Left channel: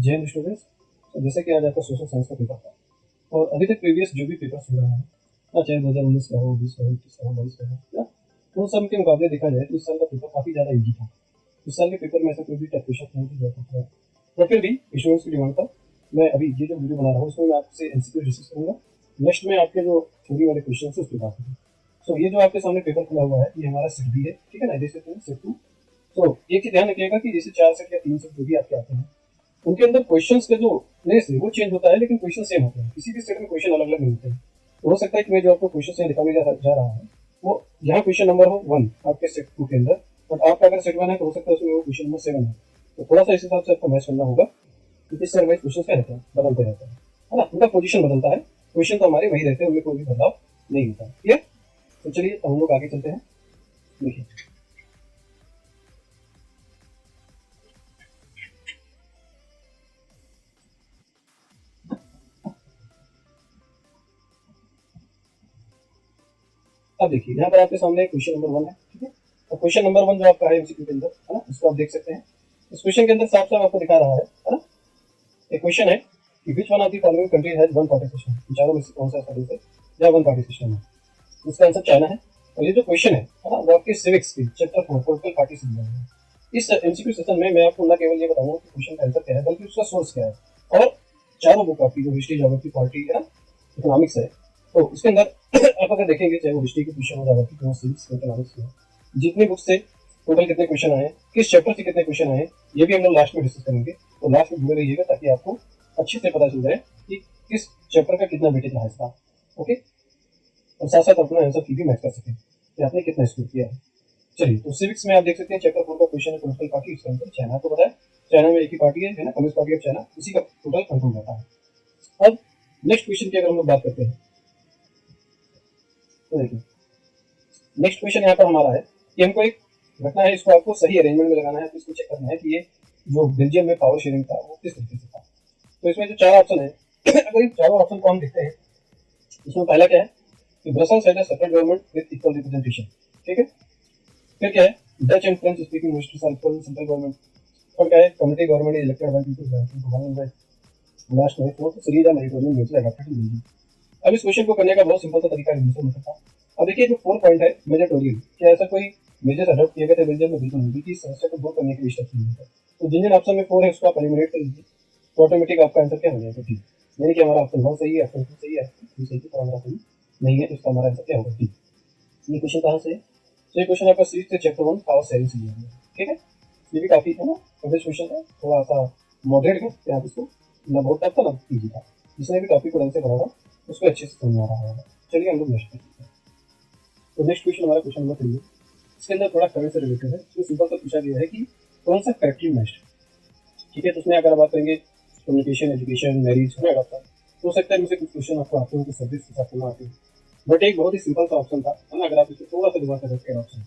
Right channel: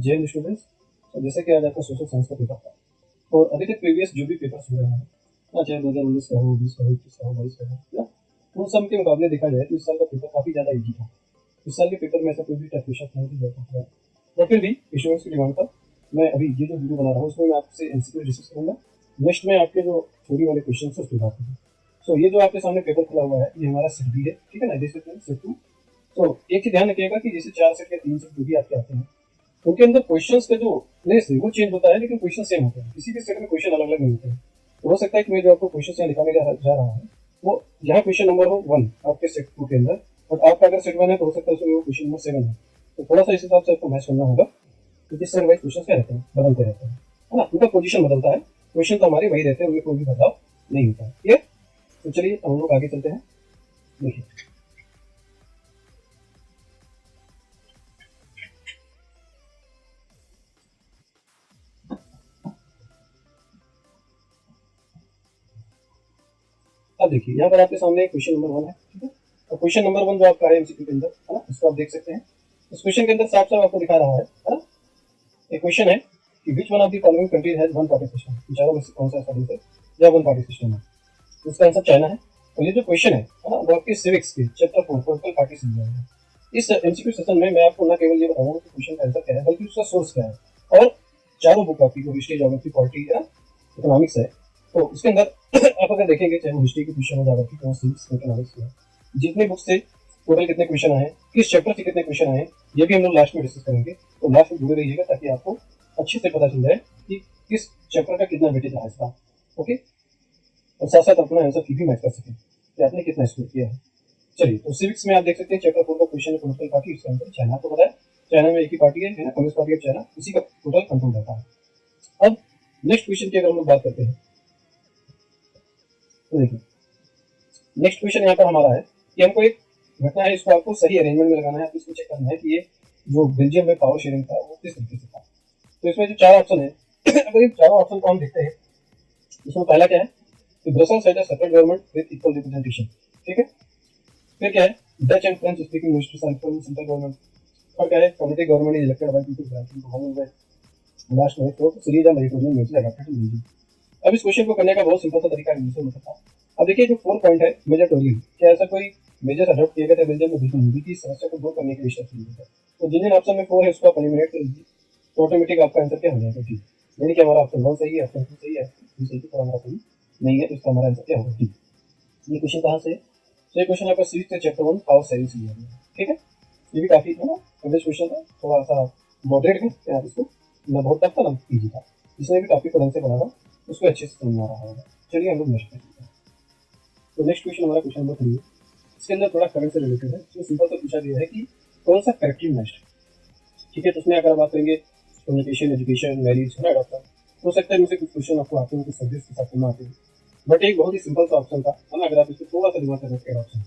Jain students. तो जैसे कि आज आपका सोशल साइंस का पेपर था और अभी तक प्रीवियस जो भी पेपर्स हो रहे हैं, चाहे 2019 का हो, 20 का हो, 21 का हो, 22 का हो, या उन सब के मुकाबले देखा जाए तो इस साल का पेपर काफ़ी ज़्यादा ईजी था। इस साल के पेपर में ऐसा कोई भी टफ क्वेश्चन नहीं थी जो था, और फिर भी स्टूडेंट्स की डिमांड पर मैं अभी ये जो वीडियो बना रहा हूँ इसमें मैं आपसे एमसीक्यू डिस्कस करूँगा। नेक्स्ट में आपके जो थ्योरी वाले क्वेश्चन है उस पर बात करूँगा। सो ये जो आपके सामने पेपर खुला हुआ है ये हमारा सेट बी है, ठीक है ना, देख सकते हैं सेट 2। तो एक चीज ध्यान रखिएगा कि जैसे 4 सेट या 3 सेट जो भी आपके आते हैं उनके अंदर क्वेश्चंस का जो प्लेस है वो चेंज होता है, लेकिन क्वेश्चन सेम होते हैं। किसी भी सेट में क्वेश्चन अलग अलग नहीं होते हैं। तो हो सकता है कि मैं जो आपको क्वेश्चन यहाँ दिखाने जा रहा हूँ वो यहाँ क्वेश्चन नंबर हो 1 आपके सेट 2 के अंदर, और आपका अगर सेट 1 है तो हो सकता है उसमें वो क्वेश्चन नंबर 7 है। तो थोड़ा सा इस हिसाब से आपको मैच करना होगा क्योंकि इस वाइज क्वेश्चन क्या रहते हैं, बदलते रहते हैं, है ना। उनका पोजीशन बदलता है, क्वेश्चन तो हमारे वही रहते हैं, उनमें कोई भी बदलाव नहीं होता है। क्लियर? तो चलिए हम लोग आगे चलते हैं। देखिए अब देखिए यहाँ पर आपके सामने क्वेश्चन नंबर 1 है, ठीक है। और क्वेश्चन नंबर 1 जो आपका है एमसीक्यू के अंदर, है ना, इसको आप देख सकते हैं। इस क्वेश्चन के अंदर साफ साफ आपको दिखा रहा है ना। एक क्वेश्चन है कि which one of the following country has one party system, चारों में से कौन सा ऐसा देश है या वन पार्टी सिस्टम है। इसका आंसर चाइना है। और ये जो क्वेश्चन है ना, वो आपके सिविक्स के चैप्टर 4 पॉलिटिकल पार्टी सिस्टम है। इस एमसीक्यू सेशन में मैं आपको न केवल ये बताऊंगा कि क्वेश्चन का आंसर क्या है, बल्कि उसका सोर्स क्या है। और चारों बुक आपकी जो हिस्ट्री, ज्योग्राफी, पॉलिटी या इकोनॉमिक्स है, तो इसके अंदर आप अगर देखेंगे चाहे वो हिस्ट्री के क्वेश्चन हो, ज्योग्राफी के हो, सिविक्स के, इकोनॉमिक्स के, जितने बुक से टोटल कितने क्वेश्चन आए, किस चैप्टर से कितने क्वेश्चन आए, ये भी हम लोग लास्ट में डिस्कस करेंगे। तो लास्ट में जुड़े रहिएगा ताकि आपको अच्छे से पता चल जाए कि किस चैप्टर का कितना वेटेज रहा इसका। ओके, और साथ साथ अपना आंसर की भी मैच कर सकें कि आपने कितना स्कोर किया है। चलिए, तो सिविक्स में आप देख सकते हैं चैप्टर 4 का क्वेश्चन है पॉलिटिकल पार्टी। इसका आंसर चाइना को बताया। चाइना में एक ही पार्टी है ना, कम्युनिस्ट पार्टी ऑफ चाइना, उसी का टोटल कंट्रोल रहता है। अब नेक्स्ट क्वेश्चन की अगर हम लोग बात करते हैं तो देखिए नेक्स्ट क्वेश्चन यहाँ पर हमारा है कि हमको एक घटना है, इसको आपको सही अरेंजमेंट में लगाना है। तो इसको चेक करना है कि ये जो बेल्जियम में पावर शेयरिंग था वो किस तरीके से था। तो इसमें जो 4 ऑप्शन है अगर इन चारों ऑप्शन को हम देखते हैं, इसमें पहला क्या है कि Brussels had a separate government with equal representation, ठीक है। फिर क्या है, Dutch and French speaking ministers are equal in central government. और क्या है, community government is elected by people government government by. Last में fourth series and Mediterranean nature adopted in Belgium. अब इस क्वेश्चन को करने का बहुत सिंपल सा तरीका है, दूसरे मतलब था। अब देखिए जो 4 पॉइंट है मेजरटोरियल, क्या ऐसा कोई मेजर्स अडॉप्ट किए गए थे बेल्जियम में? बिल्कुल नहीं, इस समस्या को दूर करने के लिए स्टेप्स लिए थे। तो जिन जिन ऑप्शन में 4 है उसको आप एलिमिनेट कर लीजिए, तो ऑटोमेटिक आपका आंसर क्या हो जाएगा, ठीक। यानी कि हमारा ऑप्शन 1 सही है, ऑप्शन 2 सही है, 3 सही है, तो हमारा सही नहीं है, तो इसका हमारा आंसर क्या होगा, ठीक। ये क्वेश्चन कहाँ से है? तो ये क्वेश्चन आपका सिविक्स चैप्टर 1 पावर शेयरिंग से लिया गया, ठीक है। ये भी काफी है ना कॉम्प्लेक्स क्वेश्चन है, थोड़ा सा मॉडरेट है यहाँ इसको, ना बहुत टफ था ना इजी था। जिसने भी टॉपिक को ढंग से पढ़ा था उसको अच्छे से समझ आ रहा है। चलिए हम लोग नेक्स्ट करते हैं। तो नेक्स्ट क्वेश्चन हमारा क्वेश्चन नंबर 3 है। इसके अंदर थोड़ा करंट से रिलेटेड है। इसमें सिंपल सा पूछा गया है कि कौन सा करेक्टली मैच्ड, ठीक है। तो उसमें अगर बात करेंगे कम्युनिकेशन, एजुकेशन, मैरिज, है ना डॉक्टर, हो सकता है मुझे कुछ क्वेश्चन आपको आते हो, कुछ सर्विस के साथ करना आती है। बट एक बहुत ही सिंपल सा ऑप्शन था, है ना, अगर आप इसको थोड़ा सा दिमाग से रखें ऑप्शन,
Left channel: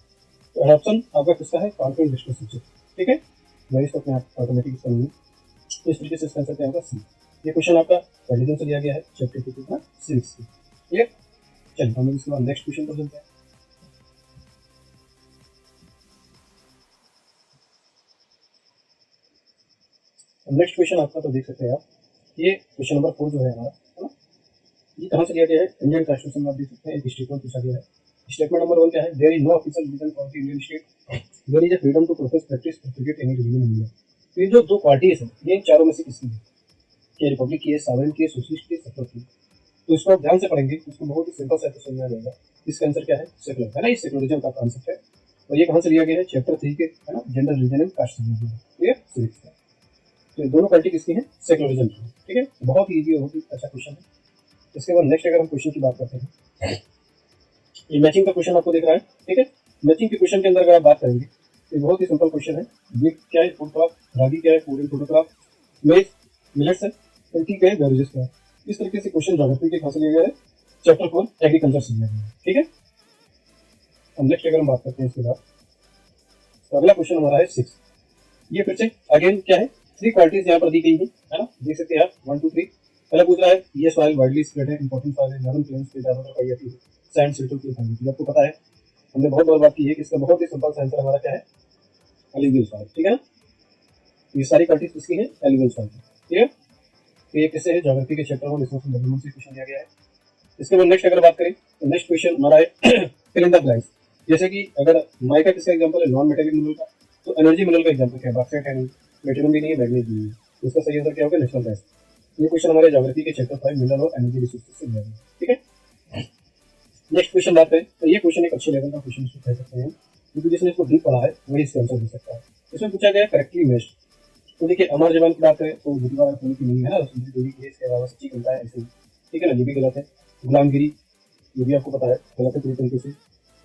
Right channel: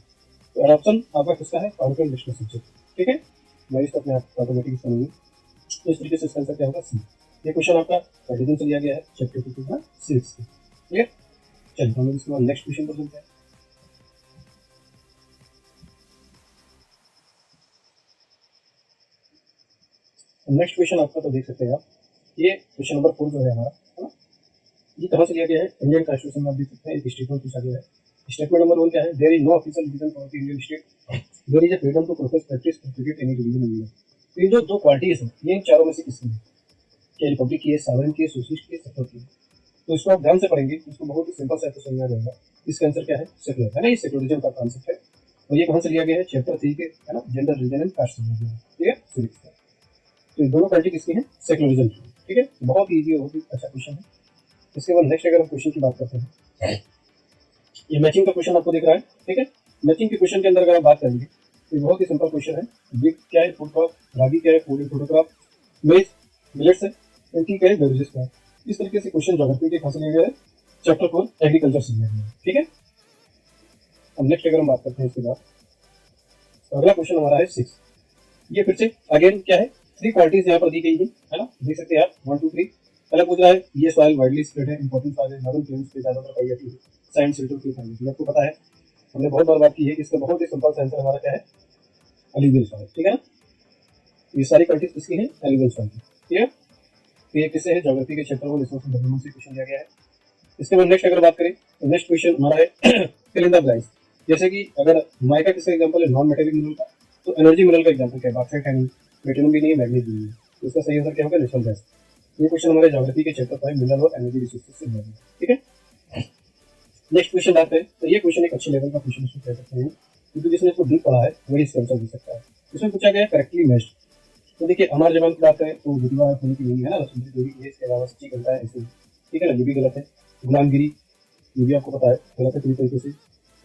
तो ऑप्शन आपका किसका है, कॉन्फ्रेंस डिस्कस सब्जेक्ट, ठीक है। मैरिज तो अपने आप ऑटोमेटिक समझिए। इस तरीके से इसका आंसर क्या होगा, सी। ये क्वेश्चन आपका रिलीजन से लिया गया है चैप्टर 2 का 6 से, क्लियर। चलिए हम लोग इसके बाद नेक्स्ट क्वेश्चन पर चलते हैं। नेक्स्ट क्वेश्चन आपका तो देख सकते हैं आप, ये क्वेश्चन नंबर 4 जो है हमारा, है ना, ये कहाँ से लिया गया है, इंडियन कॉन्स्टिट्यूशन में आप देख सकते हैं एक स्टेटमेंट पूछा गया है। स्टेटमेंट नंबर 1 क्या है, there is no official reason for the Indian state, there is a freedom to protest, practice, propagate any religion in India. तो ये जो दो पार्टीज है ये इन चारों में से किसकी है, क्या रिपब्लिक की है, सॉवरेन की है, सोशलिस्ट की है, सेकुलर की है। तो इसको आप ध्यान से पढ़ेंगे तो इसको बहुत ही सिंपल से आपको समझ आ जाएगा। इसका आंसर क्या है, सेकुलर, है ना, ये सेकुलरिज्म का कॉन्सेप्ट है। और ये कहाँ से लिया गया है, चैप्टर 3 के, है ना, जेंडर, रिलीजन एंड कास्ट से लिया गया है, ठीक है, सिविक्स से। तो ये दोनों पार्टी किसकी है, सेकुलरिज्म की, ठीक है। बहुत ही ईजी, बहुत ही अच्छा क्वेश्चन है। इसके बाद नेक्स्ट अगर हम क्वेश्चन की बात करते हैं, ये मैचिंग का क्वेश्चन आपको दिख रहा है, ठीक है। मैचिंग के क्वेश्चन के अंदर अगर आप बात करेंगे तो बहुत ही सिंपल क्वेश्चन है। वीट क्या है, फूड क्रॉप, रागी क्या है, फूड एंड फोटोग्राफ, मेज मिलेट्स है, एंटी क्या है, बेवरेजेस क्या है। इस तरीके से क्वेश्चन ज्योग्राफी के कहाँ से लिए गए, चैप्टर 4 एग्रीकल्चर से लिए गए, ठीक है। अब नेक्स्ट अगर हम बात करते हैं इसके बाद, तो अगला क्वेश्चन हमारा है 6। ये फिर से अगेन क्या है, 3 क्वालिटीज यहाँ पर दी गई है ना, देख सकते हैं आप 1 2 3। पहला पूछ रहा है ये सॉइल वाइडली स्प्रेड है, इंपॉर्टेंट सॉइल है, नॉर्दर्न प्लेन्स पे ज्यादातर पाई जाती है, सैंड सिल्ट की पाई जाती है। आपको पता है हमने बहुत बार बात की है कि इसका बहुत ही सिंपल सा आंसर हमारा क्या है, एल्यूवियल सॉइल, ठीक है ना। ये सारी क्वालिटीज किसकी है, एल्यूवियल सॉइल की, क्लियर? तो ये किससे है? ज्योग्राफी के चैप्टर 1 रिसोर्स डेवलपमेंट से क्वेश्चन दिया गया है। इसके बाद नेक्स्ट अगर बात करें तो नेक्स्ट क्वेश्चन हमारा है फिल इन द ब्लैंक्स। जैसे कि अगर माइका किसका एग्जांपल है? नॉन मेटेलिक मिनरल का। तो एनर्जी मिनरल का एग्जांपल क्या है? बॉक्साइट है नहीं, प्लेटिनम भी नहीं है, मैग्नीशियम नहीं है। तो इसका सही आंसर क्या होगा? Natural gas. ये क्वेश्चन हमारे ज्योग्राफी के चैप्टर 5 मिनरल और एनर्जी रिसोर्सेज से मिलेगा। ठीक है, नेक्स्ट क्वेश्चन बात करें तो ये क्वेश्चन एक अच्छे लेवल का क्वेश्चन इसको कह सकते हैं, क्योंकि जिसने इसको डीप पढ़ा है वही इसका आंसर दे सकता है। इसमें पूछा गया करेक्टली मैच्ड। तो देखिए अमर जवान की बात करें तो गुरुवा होने की नहीं है ना, इसके अलावा सच्ची घंटा है ऐसे। ठीक है ना, ये भी गलत है। गुलामगिरी ये भी आपको पता है गलत है पूरी तरीके से।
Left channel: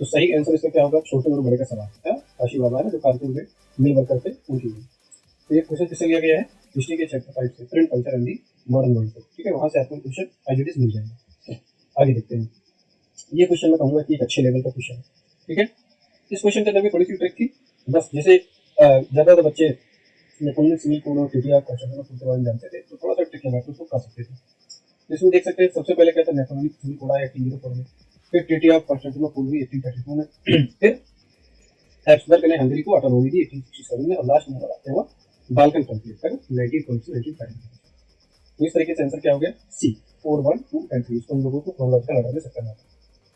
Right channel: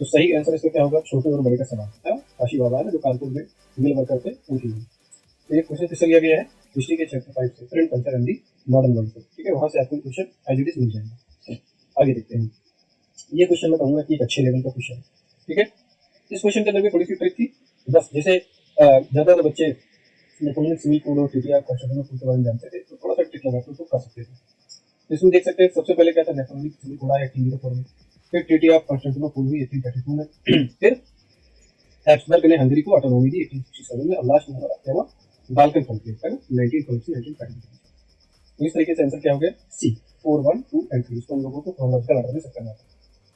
तो सही आंसर इसका क्या होगा? छोटे और बड़े का सवाल है। काशी बाबा है ना जो कानपुर में मिल वर्कर थे उनकी। तो ये क्वेश्चन किससे लिया गया है? हिस्ट्री के चैप्टर 5 से, friend culture and the modern world से। ठीक है, वहां से आपको क्वेश्चन आइडेंटिटीज मिल जाएंगे। आगे देखते हैं। ये क्वेश्चन मैं कहूंगा कि एक अच्छे लेवल का क्वेश्चन है। ठीक है, इस क्वेश्चन के अंदर भी थोड़ी सी ट्रिक थी। बस जैसे ज्यादातर बच्चे इलेक्ट्रॉनिक सिविल कोड और टीटीआर क्वेश्चन के बारे में जानते थे, तो थोड़ा सा ट्रिक लगा तो उसको कर सकते थे। इसमें देख सकते हैं सबसे पहले क्या था? इलेक्ट्रॉनिक सिविल कोड आया 1804 में, फिर टीटीआर कॉन्स्टेंटिनोपल कोड हुई 1832 में, फिर हैब्सबर्ग ने हंगरी को ऑटोनॉमी दी 1867 में, और लास्ट में हमारा क्या हुआ? बाल्कन कॉन्फ्लिक्ट है ना, 1912 से 1930। तो इस तरीके से आंसर क्या हो गया? सी 4 1 2 एंड 3। इसको हम लोगों को क्रोनोलॉजिकल ऑर्डर में सेट करना है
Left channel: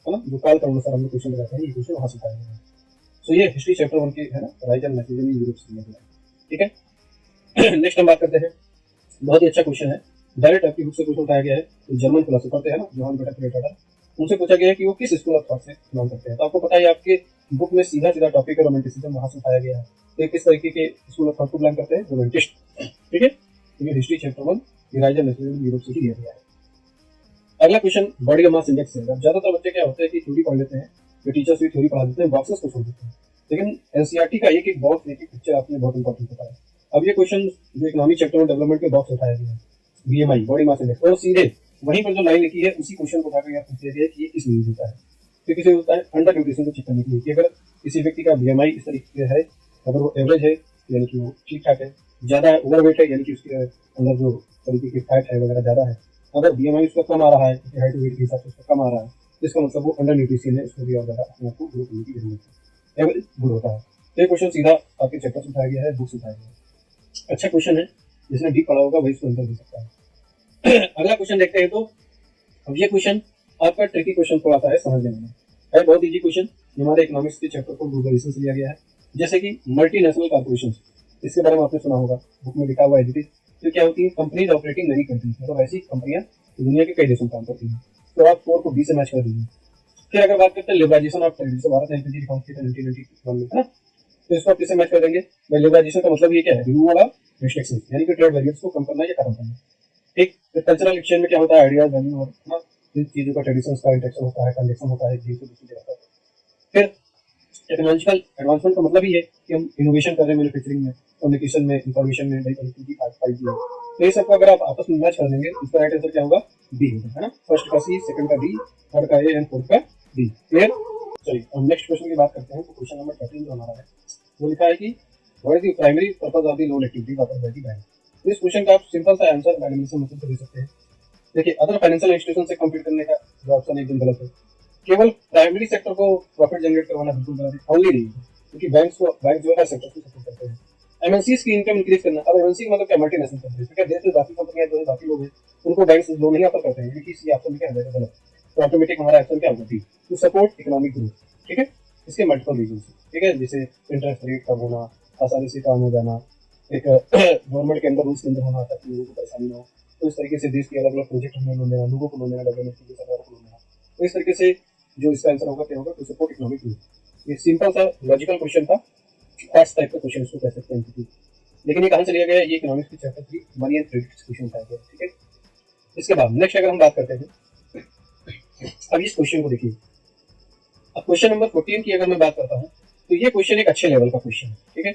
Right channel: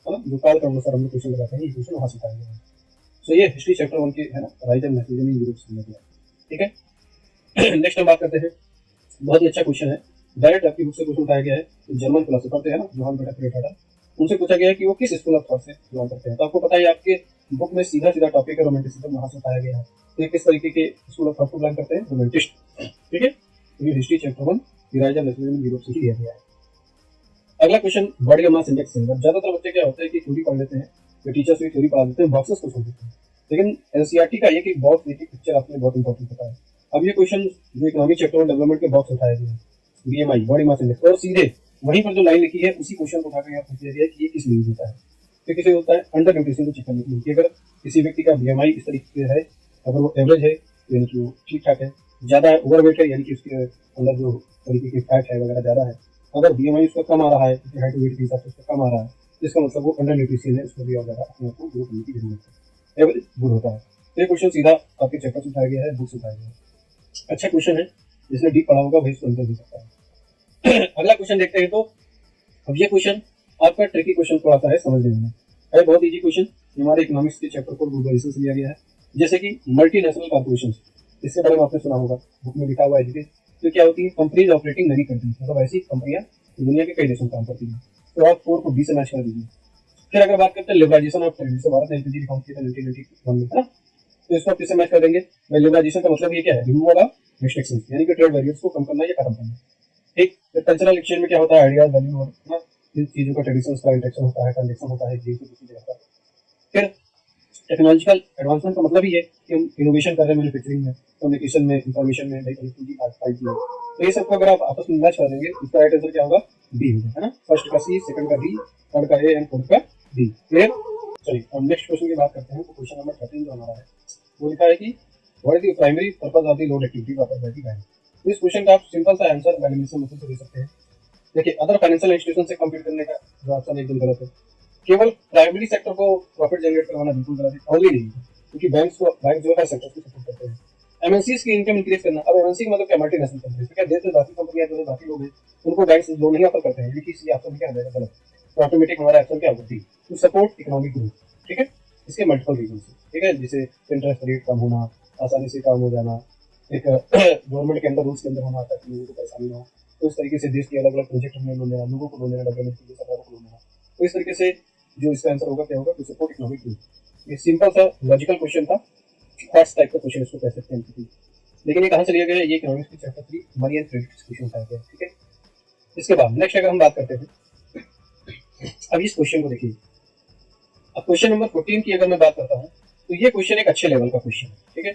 ना, जो काल का अनुसार हम लोग क्वेश्चन लगाते हैं, ये क्वेश्चन वहां से उठाएंगे। सो ये हिस्ट्री चैप्टर 1 के है ना, rise and message in Europe से। ठीक है, नेक्स्ट हम बात करते हैं। बहुत ही अच्छा क्वेश्चन है, डायरेक्ट आपकी बुक से क्वेश्चन उठाया गया है। तो जर्मन फिलोसोफर थे है ना, जोहान बेटा, उनसे पूछा गया है कि वो किस स्कूल ऑफ थॉट से बिलोंग करते हैं। तो आपको पता है आपके बुक में सीधा सीधा टॉपिक है रोमांटिसिज्म, वहां से उठाया गया है। तो किस तरीके के स्कूल ऑफ थॉट को बिलोंग करते हैं? रोमांटिस्ट। ठीक है, ये हिस्ट्री चैप्टर 1 यूराइज एंड मैसेज इन यूरोप से ही दिया गया है। अगला क्वेश्चन बॉडी का मास इंडेक्स है। ज्यादातर बच्चे क्या होता है कि थ्योरी पढ़ लेते हैं, जो टीचर्स भी थ्योरी पढ़ा देते हैं, बॉक्सेस को छोड़ देते हैं। लेकिन एनसीईआरटी का एक एक बॉक्स, एक एक पिक्चर आपके लिए बहुत इंपॉर्टेंट होता है। अब ये क्वेश्चन जो इकोनॉमिक चैप्टर में डेवलपमेंट के बॉक्स उठाया गया है, बीएमआई बॉडी मास इंडेक्स, और सीधे वहीं पर जो लाइन लिखी है उसी क्वेश्चन को उठाकर यहाँ पूछ लिया गया है कि ये किस न्यूज होता है। तो किसे होता है? अंडर न्यूट्रिशन को चेक करने के लिए कि अगर किसी व्यक्ति का बीएमआई इस तरीके से है, अगर वो एवरेज है यानी कि वो ठीक ठाक है, ज्यादा है ओवरवेट है यानी कि उसके अंदर जो तरीके की फैट है वगैरह ज्यादा है, अगर बीएमआई उसका कम आ रहा है, हाइट वेट के हिसाब से उसका कम आ रहा है, तो इसका मतलब वो अंडर न्यूट्रिशन है, उसको भी और ज्यादा अपने आप को ग्रो करने की जरूरत है। एवरेज गुड होता है। तो ये क्वेश्चन सीधा आपके चैप्टर से उठाया गया है, बुक से उठाया गया है। अच्छा क्वेश्चन है, जिसने डीप पढ़ा होगा वही इसको आंसर दे सकता है। अगला क्वेश्चन देखते हैं। तो अब ये क्वेश्चन आपका ट्रिकी क्वेश्चन थोड़ा सा है समझने में, है बहुत इजी क्वेश्चन। हमारे इकोनॉमिक्स के चैप्टर को ग्लोबलाइजेशन से लिया गया है। जैसे कि मल्टीनेशनल कॉर्पोरेशन, इसके बारे में आपने सुना होगा, बुक में लिखा हुआ है। तो क्या होती है? कंपनीज ऑपरेटिंग मेनी कंट्रीज, मतलब ऐसी कंपनियां दुनिया के कई देशों में काम करती हैं। तो आप 4 को बी से मैच कर दीजिए। फिर अगर बात करते हैं लिबरलाइजेशन ऑफ ट्रेड, जैसे भारत ने एलपीजी रिफॉर्म किया था 1991 में, है ना, तो इसको आप किससे मैच कर देंगे? लिबरलाइजेशन का मतलब ये क्या है? रिमूवल ऑफ रिस्ट्रिक्शंस, यानी कि ट्रेड बैरियर्स को कम करना या खत्म करना। ठीक, फिर कल्चरल एक्सचेंज में क्या होता है? आइडियाज, वैल्यू और ना इन चीजों का ट्रेडिशंस का इंटरेक्शन होता है, ट्रांजेक्शन होता है, एक से दूसरी जगह पर। फिर टेक्नोलॉजिकल एडवांसमेंट का मतलब ही है कि हम इनोवेशन कर रहे हैं मैन्युफैक्चरिंग में, कम्युनिकेशन में, इंफॉर्मेशन में, नई कनेक्टिविटी पाइप में। तो ये सबको अगर आप आपस में मैच कर देंगे, इसका राइट आंसर क्या होगा? बी होगा, है ना। फर्स्ट का सी, सेकंड का डी, थर्ड का ए एंड फोर्थ का डी। क्लियर? चलिए हम नेक्स्ट क्वेश्चन की बात करते हैं। तो क्वेश्चन नंबर 13 जो हमारा है वो लिखा है कि what is the primary purpose of the loan activities offered by the bank. तो इस क्वेश्चन का आप सिंपल सा आंसर एलिमिनेशन मेथड से दे सकते हैं। देखिए अदर फाइनेंशियल इंस्टीट्यूशन से कंपीट करने का जो ऑप्शन एकदम गलत है। केवल प्राइमरी सेक्टर को प्रॉफिट जनरेट करवाना बिल्कुल गलत है, ओनली नहीं, क्योंकि बैंक जो है सेक्टर को सपोर्ट करते हैं। एमएनसीज की इनकम इंक्रीज करना। अब एमएनसी का मतलब क्या? Multinational company. तो क्या देश में बाकी कंपनियां जो है, बाकी लोग हैं, उनको बैंक से लोन नहीं ऑफर करते हैं, क्योंकि इसी ऑप्शन में क्या हो जाएगा? गलत। तो ऑटोमेटिक हमारा एक्शन क्या होगा? To support economic growth. ठीक है, इसके मल्टीपल रीजन है। ठीक है, जैसे इंटरेस्ट रेट कम होना, आसानी से काम हो जाना, एक गवर्नमेंट के अंदर रूल्स के अंदर होना ताकि लोगों को परेशानी ना हो। तो इस तरीके से देश के अलग अलग प्रोजेक्ट हमें लोन देना, लोगों को लोन देना, डेवलपमेंट के लिए सरकार को लोन देना। तो इस तरीके से जो इसका आंसर होगा क्या होगा? To support economic growth. ये सिंपल सा लॉजिकल क्वेश्चन था, फर्स्ट टाइप का क्वेश्चन इसको कह सकते हैं। लेकिन ये कहाँ से लिया गया है? ये इकोनॉमिक्स के chapter 3 money and credit question उठाया गया है। ठीक है, इसके बाद नेक्स्ट अगर हम बात करते हैं, अब इस क्वेश्चन को देखिए। अब क्वेश्चन नंबर 14 की अगर मैं बात करता हूँ, तो ये क्वेश्चन एक अच्छे लेवल का क्वेश्चन है। ठीक है,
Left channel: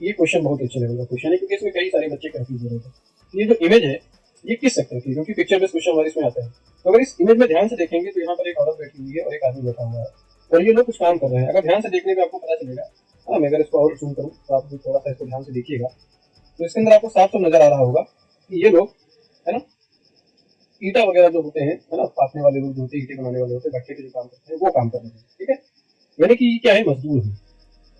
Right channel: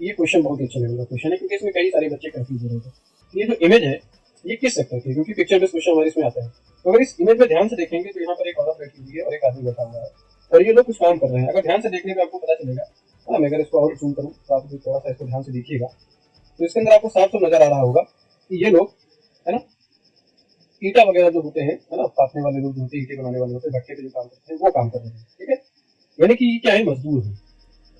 ये क्वेश्चन बहुत अच्छे लेवल का क्वेश्चन है, क्योंकि इसमें कई सारे बच्चे कंफ्यूज हो रहे थे। ये जो इमेज है ये किस सेक्टर की? क्योंकि पिक्चर बेस्ड क्वेश्चन हमारे इसमें आता है। तो अगर इस इमेज में ध्यान से देखेंगे तो यहाँ पर एक औरत बैठी हुई है और एक आदमी बैठा हुआ है, और ये लोग कुछ काम कर रहे हैं। अगर ध्यान से देखने पे आपको पता चलेगा, हाँ मैं अगर इसको और जूम करूँ तो आप थोड़ा सा इसको ध्यान से देखिएगा, तो इसके अंदर आपको साफ साफ नजर आ रहा होगा कि ये लोग, है ना, ईटा वगैरह जो होते हैं, है ना, काटने वाले लोग जो होते हैं, ईटे बनाने वाले होते हैं, भट्टे पे जो काम करते हैं वो काम कर रहे हैं। ठीक है, यानी कि क्या है? मजदूर है।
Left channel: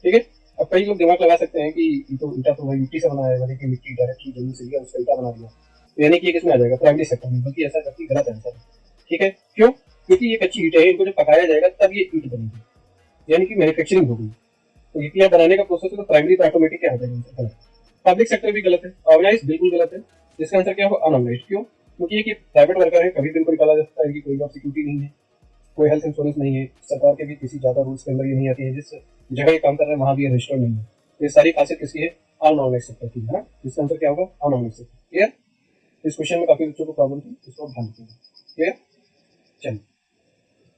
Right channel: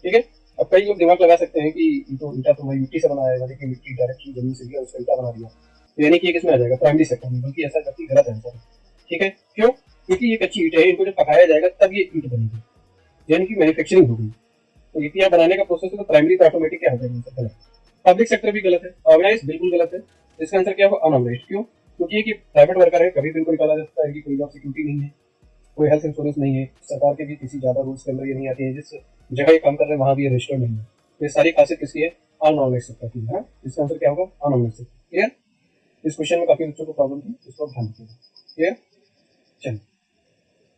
ठीक है, अब कई लोग दिमाग लगा सकते हैं कि ये तो ईटा तो भाई मिट्टी से बना है, यानी कि मिट्टी डायरेक्टली जमीन से लिया उसका ईटा बना दिया, तो यानी कि ये किसमें आ जाएगा, प्राइमरी सेक्टर में, बल्कि ऐसा काफी गलत आंसर है। ठीक है, क्यों? क्योंकि ये कच्ची ईट है, इनको जब पकाया जाएगा तब ये ईट बनेगी, यानी कि मैन्युफैक्चरिंग होगी। तो ईटियां बनाने का प्रोसेस है, तो प्राइमरी तो ऑटोमेटिक क्या आ जाएगा, आंसर गलत। पब्लिक सेक्टर भी गलत है, ऑर्गेनाइज बिल्कुल गलत है। इसका आंसर क्या होगा, अनऑर्गेनाइज। क्यों? क्योंकि ये प्राइवेट वर्कर है, कभी भी इनको निकाला जा सकता है, इनकी कोई जॉब सिक्योरिटी नहीं है, कोई हेल्थ इंश्योरेंस नहीं है, सरकार के भी किसी ज्यादा रूल्स के अंदर ये नहीं आते हैं, जिस जगह ये काम कर रहे हैं वहां भी ये रजिस्टर्ड नहीं है। ये सारी खासियत किसकी है, अनऑर्गेनाइज सेक्टर की है ना। इसका आंसर क्या होगा, अनऑर्गेनाइज सेक्टर। क्लियर? इस क्वेश्चन में काफी बच्चों को प्रॉब्लम थी, इसको ध्यान रखिएगा। क्लियर? चलिए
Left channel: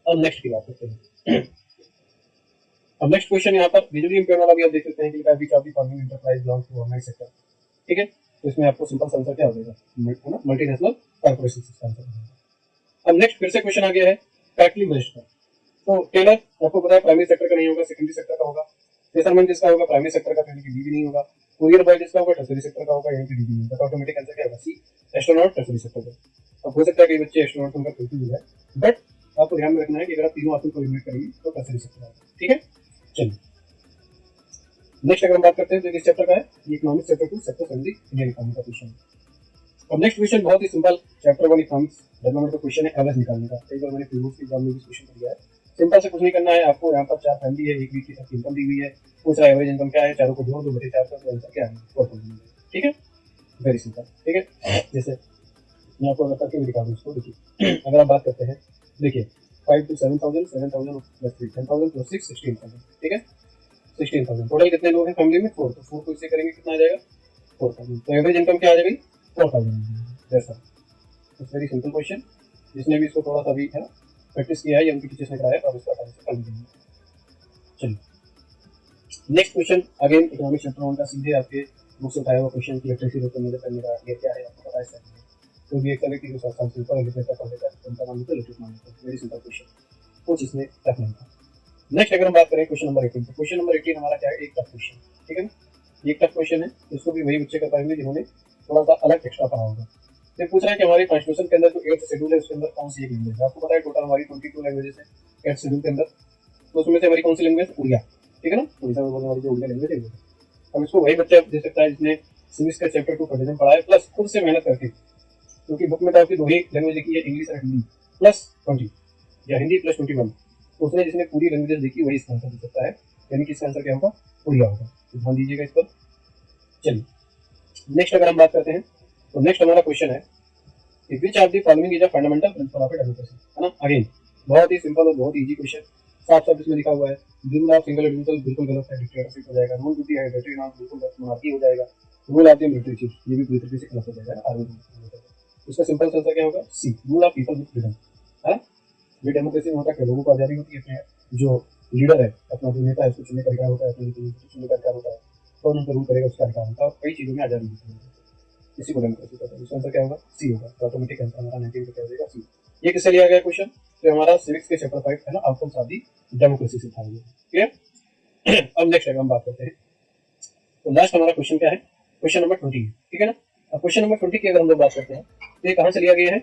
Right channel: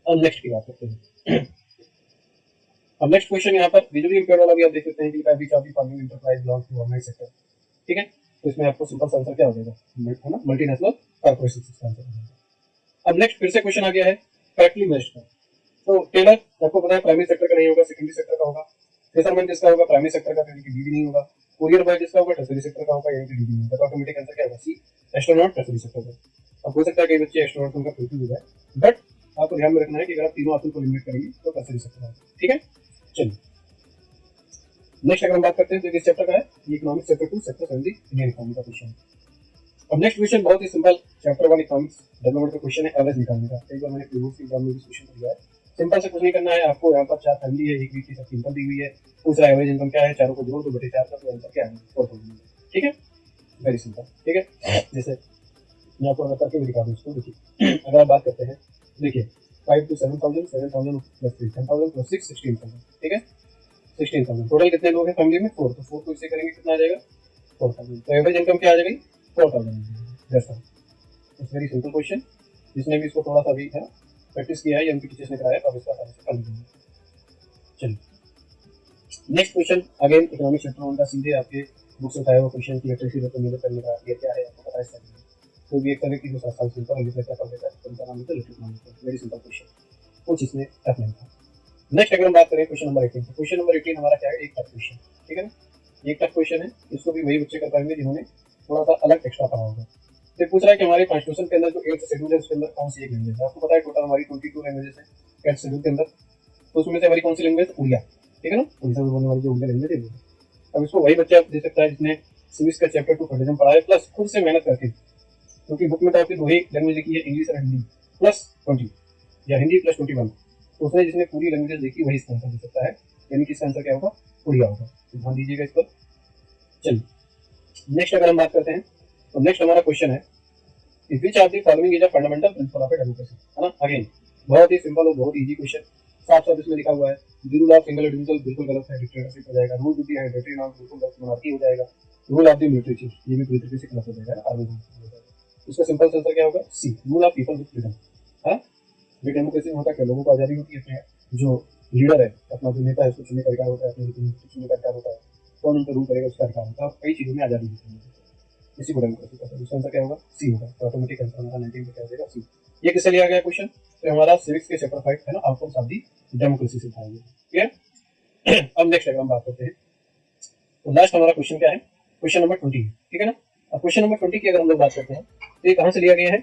अब नेक्स्ट की बात करते हैं। अब नेक्स्ट क्वेश्चन यहाँ पर विजुअली इंपेयर्ड वाला भी आप देख सकते हैं कि which of the following enterprise belongs to organise sector. ठीक है, तो इसमें आपको सिंपल सा आंसर क्या हो जाएगा, है ना, मल्टीनेशनल कॉर्पोरेशन का आंसर हो जाएगा। अब नेक्स्ट फिर से क्वेश्चन आ गया है करेक्टली मैच्ड का। तो टेलर आपको पता है प्राइमरी सेक्टर का नहीं होगा, सेकेंडरी सेक्टर का होगा। फिशरमैन जिसका होगा प्राइमरी सेक्टर का, यानी कि बी भी नहीं होगा। कुरियर बॉय जिसका होगा टर्सरी सेक्टर का होगा, यानी कि डी भी नहीं होगा। तो ऑटोमेटिक आंसर क्या होगा, सी एस्ट्रोनॉट टर्सरी सेक्टर का। अब हो सकता है कई बच्चे एस्ट्रोनॉट होकर कंफ्यूज हो जाए, बट आपको ध्यान में रखना है कि अगर तीनों ऑप्शन को एलिमिनेट करेंगे तो टर्सरी सेक्टर आएगा। ठीक है, चलिए नेक्स्ट अगर हम बात करते हैं तो किस चैप्टर का है, ये economics chapter 2 sector 70 Indian economy का क्वेश्चन। अब नेक्स्ट क्वेश्चन बहुत ही सिंपल, चैप्टर 1 इकोनॉमिक्स डेवलपमेंट का क्वेश्चन है, एवरेज निकालने का। कई बार मैंने प्रीवियस एग्जाम में भी क्वेश्चन दिया है। सिंपल से कुछ नहीं करना है आपको, यहाँ पर 4 फैमिली है, एक वीक की सबकी इनकम दी हुई है, पूछ रहा है एवरेज इनकम क्या है, चारों को जोड़ो 2/4 का, तो आंसर क्या है, 4,000। ठीक है, वेरी सिंपल। ठीक है, जैसे मैं आपको अगर करके दिखा दूँ इसको, देखिए अगर आप बात करते हैं, देखिए 5 to 7,000, 7,000 प्लस 3 10,000 प्लस 6 16,000। ठीक है, 16,000 टोटल कितने लोग हैं फैमिली में, 4, तो 4 को इससे करेंगे कितना आ जाएगा, 4,000। तो एवरेज इनकम क्या आ जाएगी, 4,000। That's all, it's very simple question. जिसने भी इसको थोड़ा सा भी है ना प्रैक्टिस किया है या उनकी टीचर्स ने कराया तो इसका आंसर कर देंगे। चलिए next question again economic chapter 1 का, सीधे आपके बुक से उठाया हुआ क्वेश्चन की लिटरेसी रेट मेजर करने का ये क्या है आपको पता है। कोई भी एक तरह की जो संस्था से ऊपर लिखने का पढ़ लेता है उनका नाम होता है literacy management. Very simple question, कुछ इसमें टफ नहीं था। नेक्स्ट अगर हम बात करें क्वेश्चन नंबर 18, क्वेश्चन नंबर 18 हमारा क्या है, एक टफ क्वेश्चन। ठीक है, ये एक टफ क्वेश्चन है, इसको भी वही बच्चे कर पाएंगे जिन्होंने थोड़ा सा अलग एक्स्ट्रा पढ़ा होगा। ये पूछ रहा है कि हमारे कॉन्स्टिट्यूशन के अंदर जो 8th शेड्यूल है उसके अंदर कौन सी एक लैंग्वेज है। आपको पता है टोटल हमारी 22 लैंग्वेजेस है 8th शेड्यूल के अंदर, तो उसमें से हमारी कौन सी लैंग्वेज, उड़िया। ठीक है ना, उड़ीसा में बोलने वाली जो उड़िया लैंग्वेज है। अब इसको वही बच्चा दे सकता है जिसने सिविक्स का चैप्टर 2 कटेजम पढ़ा है, प्लस खुद से मेहनत करके, क्योंकि बुक में तो आपकी दो ही लैंग्वेज लिखी है, इंग्लिश और हिंदी प्लस 20 या हिंदी प्लस 21, तो उसने जिसने पूरी लैंग्वेज देखी वही इसका आंसर दे सकता है, यानी कि इसका आंसर क्या होगा, उड़िया होगा। तो ध्यान दीजिएगा इस पर। चलिए नेक्स्ट अगर हम बात करते हैं तो नेक्स्ट हमारा क्वेश्चन है कि which of the following is a fundamental principle of democracy, है ना। अगेन बहुत ही सिंपल और बहुत इजी क्वेश्चन, साफ साफ इसमें लिखा हुआ है। The rule of single individual बिल्कुल गलत है, डिक्टेटरशिप हो जाएगा। Rule with the hereditary norm बिल्कुल गलत, मोनार्की हो जाएगा। Rule of the military chief ये भी पूरी तरीके से गलत हो जाएगा, आर्मी। इसका सिंपल आंसर क्या होगा, C rule of people with freedom, है ना। ये डेमोक्रेसी में होता है, लोगों को आजादी होती है, अपने जो लीडर है अपना जो नेता है उसको चुनने का अधिकार होता है, अपने चुनने का अधिकार होता है, कौन उनका रूल करेगा उसका अधिकार होता है, और कई चीजों में आजादी होती है, इसी को डेमोक्रेसी कहते हैं। इसका आंसर क्या होगा, सी होगा। तो ऑटोमेटिक आंसर हमारा 19 का क्या हो जाएगा, सी। ये किससे लिया गया क्वेश्चन, तो हमारा सिविक्स के चैप्टर 5 है ना, आउटकम्स ऑफ द डेमोक्रेसी से उठाया गया। क्लियर। अब नेक्स्ट अगर हम बात करते हैं तो लास्ट हमारा क्वेश्चन क्या है, क्वेश्चन नंबर 20। ठीक है ना। अब क्वेश्चन नंबर 20 की अगर हम लोग बात करते हैं तो ये कहाँ से लिया गया है,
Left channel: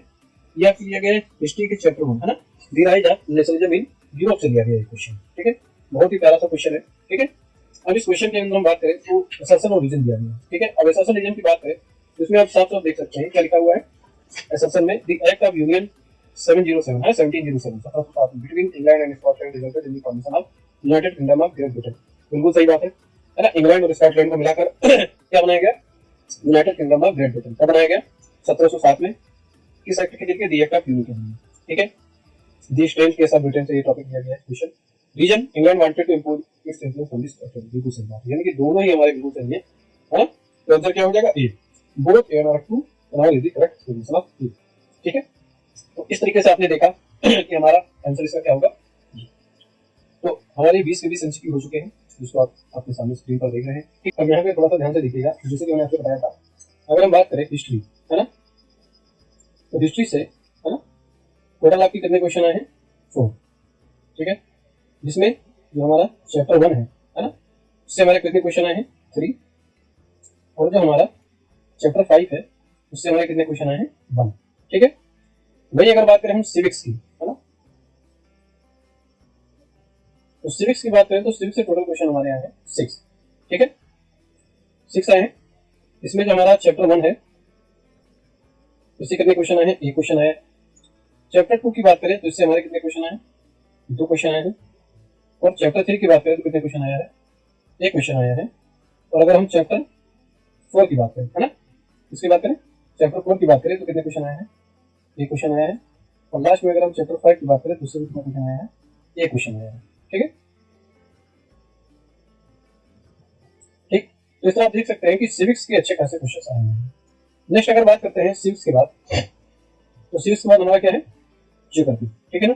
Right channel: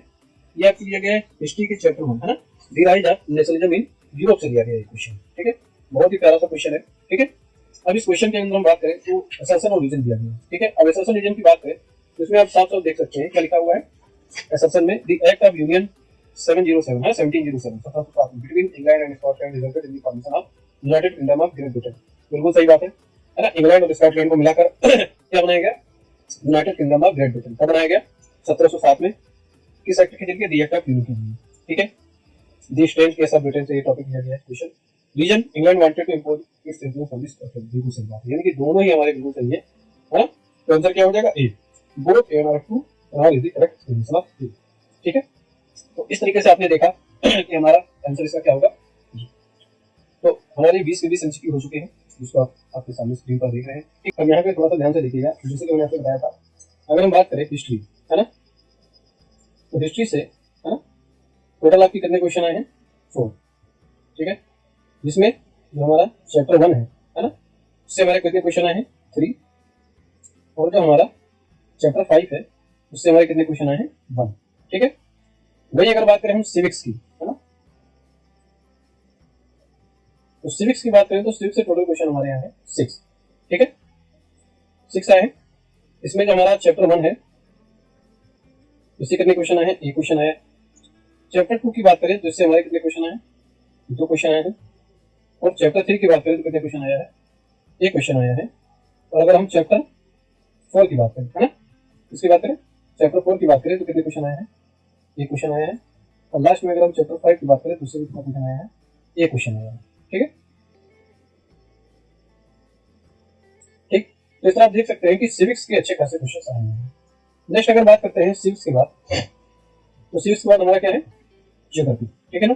ये आपसे लिया गया है हिस्ट्री के चैप्टर 1, है ना। The rise of nationalism in Europe से लिया गया है क्वेश्चन। ठीक है, बहुत ही प्यारा सा क्वेश्चन है। ठीक है, अब इस क्वेश्चन के अंदर हम बात करें तो असर्शन और रीजन दिया गया है। ठीक है, अब असर्शन रीजन की बात करें तो इसमें आप साफ साफ देख सकते हैं क्या लिखा हुआ है असर्शन में, द एक्ट ऑफ यूनियन 707 है 1707 between England and Scotland resulted in the formation of United kingdom of great Britain. बिल्कुल सही बात है ना। इंग्लैंड और स्कॉटलैंड को मिलाकर क्या बनाया गया, United kingdom of great Britain. कब बनाया गया, 1707 में। किस एक्ट के जरिए, द एक्ट ऑफ यूनियन के जरिए। ठीक है, द स्ट्रेंथ के साथ ब्रिटेन से ये टॉपिक लिया गया है question. Reason, England wanted to impose its influence on the Scotland. बिल्कुल सही बात है, यानी कि दोनों ही हमारे बिल्कुल सही है ना। तो आंसर क्या हो जाएगा, ए। बोथ ए और to all is the correct solution of A. ठीक है, तो इस तरीके से आपने देखा कि हमारा आंसर इसका क्या होगा। तो हमारे 20 के 20 एमसीक्यू हो चुके हैं, जिसको आप अपने सामने स्क्रीन पर देख रहे हैं। ठीक, अब यहाँ पे थोड़ा सा ध्यान से देखिएगा, जैसे कि मैंने आपको बताया था, अगर हम बात करें हिस्ट्री, है ना, तो हिस्ट्री से, है ना, टोटल आपके कितने क्वेश्चन आए हैं, 4। ठीक है, जिसमें जो हमारा चैप्टर 1 है ना, उससे हमारे कितने क्वेश्चन आए हैं, 3। और जो हमारा चैप्टर 5 है उससे हमारे कितने क्वेश्चन आए हैं, 1। ठीक है, वही अगर बात करें हम सिविक्स की, है ना, तो सिविक्स की बात करें तो सिविक्स से टोटल क्वेश्चन हमारे यहाँ है 6। ठीक है, 6 आए हैं। इसमें जो हमारा चैप्टर 1 है इससे कितने क्वेश्चन आए हैं? एक क्वेश्चन आया है। चैप्टर 2 की बात करें तो इससे हमारे कितने क्वेश्चन आए हैं? 2 क्वेश्चन आए हैं। और चैप्टर 3 की बात करें तो कितने क्वेश्चन आया है? एक क्वेश्चन आया है। और अगर हम चैप्टर 4 की बात करें, है ना, इसकी बात करें, चैप्टर 4 की बात करें तो कितने क्वेश्चन आए हैं? एक क्वेश्चन आया है। और लास्ट में अगर हम चैप्टर 5 की बात करें तो उससे कितना क्वेश्चन आया है? एक क्वेश्चन आया है। ठीक है, ठीक। तो इस तरह आप देख सकते हैं कि सिविक्स के अच्छे खासे क्वेश्चन आए हैं। नेक्स्ट अगर बात करते हैं सिविक्स के बाद, तो सिविक्स के बाद हमारा क्या है? ज्योग्राफी। ठीक है ना।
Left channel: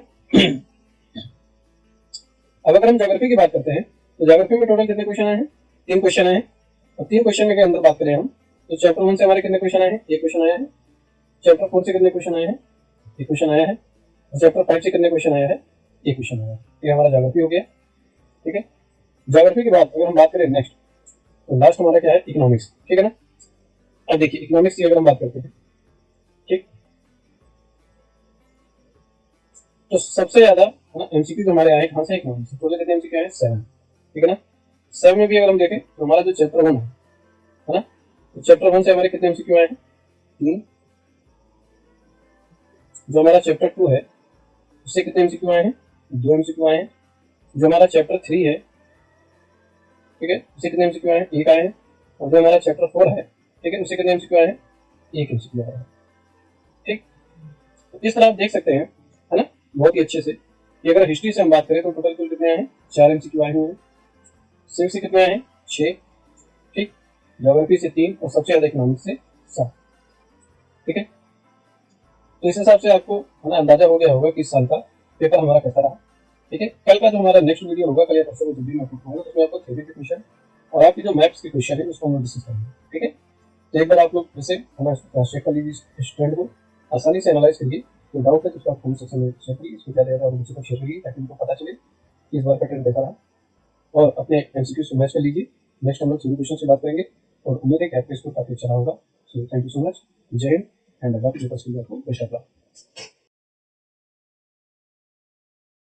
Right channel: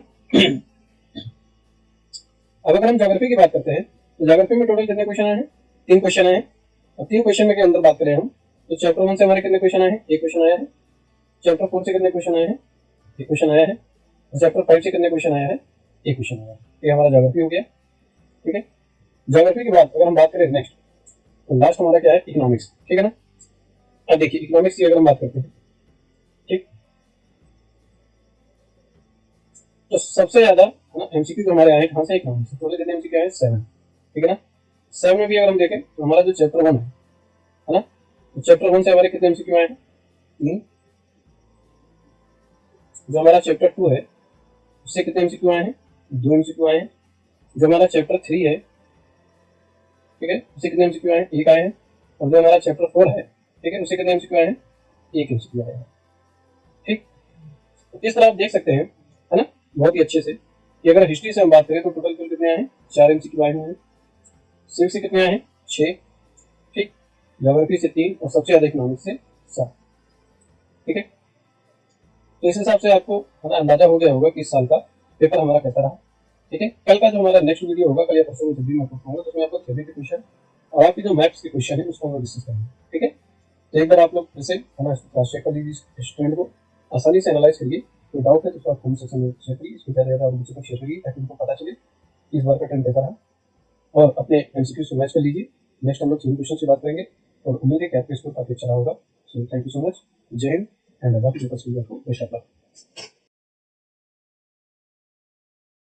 अब अगर हम ज्योग्राफी की बात करते हैं तो ज्योग्राफी में टोटल कितने क्वेश्चन आए हैं? 3 क्वेश्चन आए हैं। और 3 क्वेश्चन के अंदर बात करें हम तो चैप्टर 1 से हमारे कितने क्वेश्चन आए हैं? एक क्वेश्चन आया है। चैप्टर 4 से कितने क्वेश्चन आए हैं? एक क्वेश्चन आया है। और चैप्टर 5 से कितने क्वेश्चन आया है? एक क्वेश्चन आया है। ये हमारा ज्योग्राफी हो गया। ठीक है, ज्योग्राफी के बाद अगर हम बात करें नेक्स्ट, तो लास्ट हमारा क्या है? इकोनॉमिक्स। ठीक है ना। अब देखिए इकोनॉमिक्स की अगर हम बात करते हैं, ठीक, तो सबसे ज्यादा है ना एमसीक्यू जो हमारे आए कहाँ से? इकोनॉमिक्स से। टोटल कितने एमसीक्यू आए? 7। ठीक है ना। 7 में भी अगर हम देखें तो हमारा जो चैप्टर 1 है ना, तो चैप्टर 1 से हमारे कितने एमसीक्यू आए हैं? 3। जो हमारा चैप्टर 2 है उससे कितने एमसीक्यू आए हैं? 2 एमसीक्यू आए हैं। जो हमारा चैप्टर 3 है, ठीक है, उससे कितने एमसीक्यू आए हैं? एक आए हैं। और जो हमारा चैप्टर 4 है, ठीक है, उससे कितने एमसीक्यू आए हैं? एक एमसीक्यू आया है। ठीक, तो इस तरह आप देख सकते हैं, है ना, बहुत ही अच्छे से कि अगर हिस्ट्री से हम बात करें तो टोटल कुल कितने आए हैं? 4 एमसीक्यू आए हुए हैं। सिविक्स से कितने आए हैं? 6। ठीक, ज्योग्राफी से 3 और सबसे ज्यादा इकोनॉमिक्स से 7। ठीक है, तो इस हिसाब से आपको है ना अंदाजा हो गया होगा कि इस साल का पेपर हमारा कैसा रहा। ठीक है, कल का जो हमारा नेक्स्ट वीडियो होगा, कल या परसों जब भी मैं अपलोड करूंगा तो उसमें आपको थ्योरी के क्वेश्चन और आपकी जो मैथ्स के क्वेश्चन है उसको हम लोग डिस्कस करेंगे। ठीक है, तो एक बार आप लोग ऐसे हमारे क्रॉस चेक कर लीजिए, स्टूडेंट को आसानी से एनालाइज करिए। कोई डाउट है तो उसका कमेंट सेक्शन में शेयर करिए, इसको ज़्यादा ज़्यादा बच्चों को शेयर करिए ताकि उनको पता चले कि इस बार का ट्रेंड कैसा रहा। और अपने एमसीक्यू से मैच कर लीजिए। नेक्स्ट हम लोग सभी क्वेश्चन से बात करेंगे और उम्मीद है कि आपके स्कोर काफी अच्छा रहा होगा। So thank you so much. जय हिंद एंड बेस्ट ऑफ लक।